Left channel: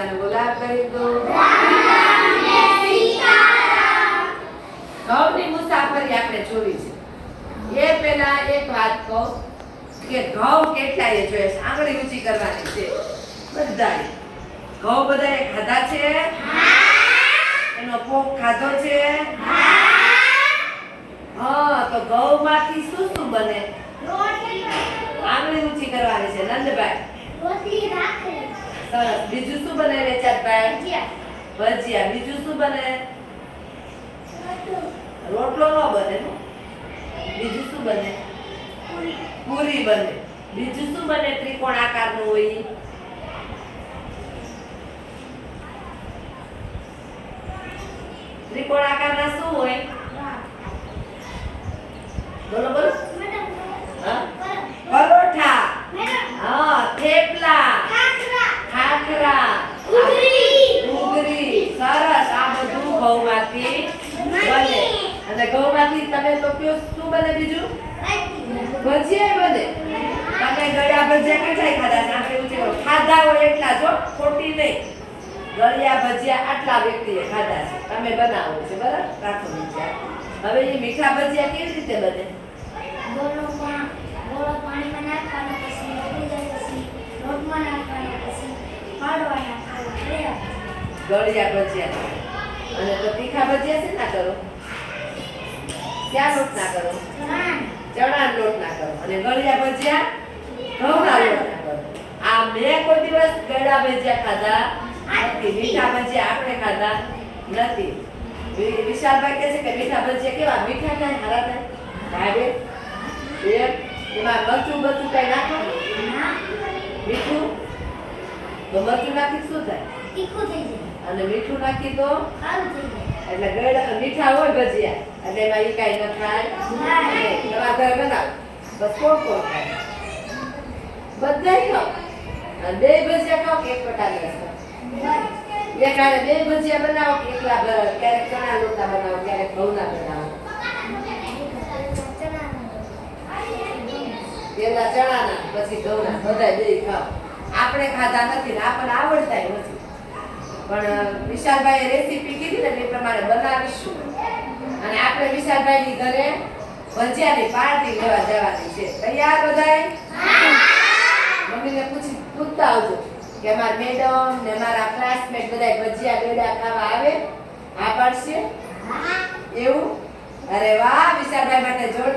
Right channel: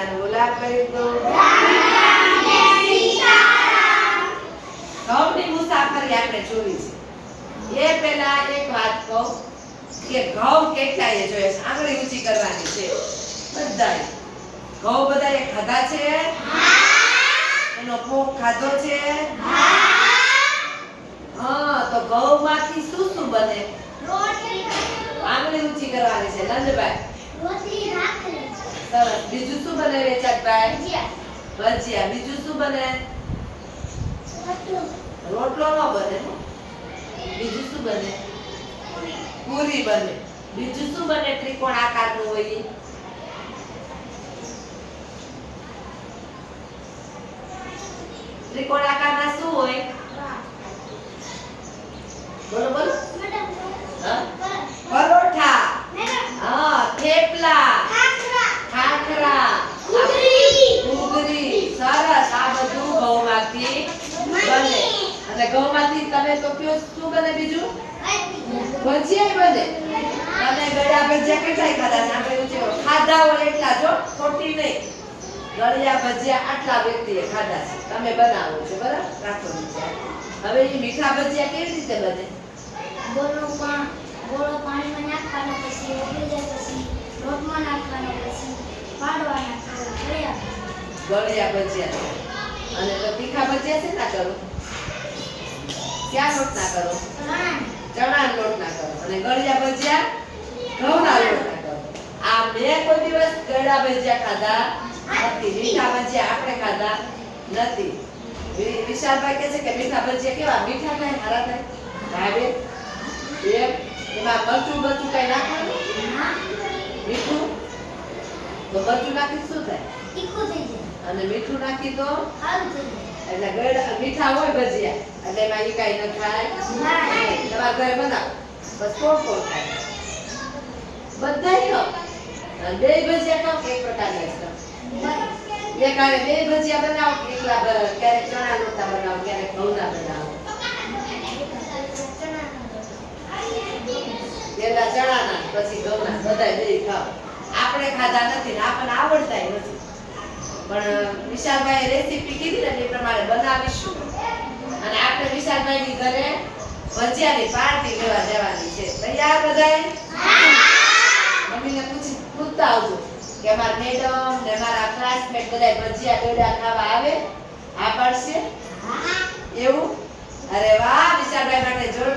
બધાને કરી દો. ઘઉંની મુસાફરી આપણે જોઈ છે. એ પહેલા એક વાત કહું કે ઘઉં કેટલાય જોઈએ છે. આંગળી ઊંચી કરવાની છે. બધાય. ઘઉં બધાએ ખાધા છે? એનો પોક ખાધો છે? હા, તો ઘઉંમાંથી શું શું બને? આંગળી ઊંચી કરવાની છે. નંદભાઈ. સરસ. બીજું શું બને વેચાતભાઈ ભજીયા. બીજું શું બને? રોટલો. ન બને. બીજું શું બને? પૂરી. બને. બીજું શું બને ત્રિકોણ આકારનું હોય? ત્રિકોણ આકારના શું હોય? બોલો બોલો. હા પરોઠા હા થેપલા ખાખરા ઘૂઘરી સરસ આ બધું ઘઉંમાંથી બને અને ઘઉંમાંથી તમે તો કયો શું બને બીજું? ભજીયા બને. તમે ગળ્યા ભજીયા કેટલાય ખાધા છે આપણે ઉચે ખાધા હોય એટલા જો ખોટી નહીં. ગળ્યા ભજીયા આટલા વ્યક્તિએ ખાધા છે. તમે બનાવો છો બરાબર? રાખો ભજીયા હવે એ મીઠા ભજીયા કેવી રીતે બને? ગોળો પણ ગોળો પાણીમાં નાખવાનો પછી ઉકળી જાય પછી લોટમાં નાખવાનો પછી ફાડવા નાખવાનો ગળ્યા ભજીયા. અને તો તીખા ભજીયા છે ના કરો? ક્યાં લોટ ના કરો. ચણા લોટ ના કરો. અને ગળ્યા ભજીયા ઘઉંના લોટ ના કરો. આ મેં કોઈ દિવસ ગળ્યા ભજીયા ખાધા નથી. મીઠા ભજીયા આપણે ખાધા નથી. વિશાલભાઈ કહે છે કે મીઠા ભજીયા કેવા? મીઠા થાય હારા થાય ભાવે એમ મરચું બરચું કઈ નાખવાનું? મીઠું? તો મરચું નાખી શું થાય? તીખું થઈ જાય. અને મીઠું નાખી તો? સારું થઈ જાય. એટલે ગળ મીઠા હોય ભજીયા. એટલે એમાં એ કાંઈ ન થાય. તમારા ઘરે બનાવો. બસ કોણ કોણ ખાય? બધાય ખાઓ બે ભજીયા ખાઓ એક પ્રકારના જ એ કારણે બે ભજીયા બનાવો એકલા ક્યારેક ચણા લોટા બનાવો ક્યારેક ઘઉંના બનાવો. પેલા ચણાના પછી ઘઉંના બધા બે ખાવ આપણે ખાધા નથી ને આપણને આવડતાય નથી. પણ વિશાલભાઈ રેસીપી કીધી ને તે પ્રમાણે બનાવીશું. અને આપણે વિશાલભાઈની ઘરે ભજીયાની પાર્ટી લેવા જવાની છે. તૈયાર બધાય? મમ્મીને પૂછી, પૂછતા આવજો કે અમારા મેડમ ને મારા ક્લાસમેટ બધા ભજીયા ગળ્યા ખાવા આવે? હા પાડશે? એવું? અરે વાહ, વિશાલભાઈ માટે તાળી.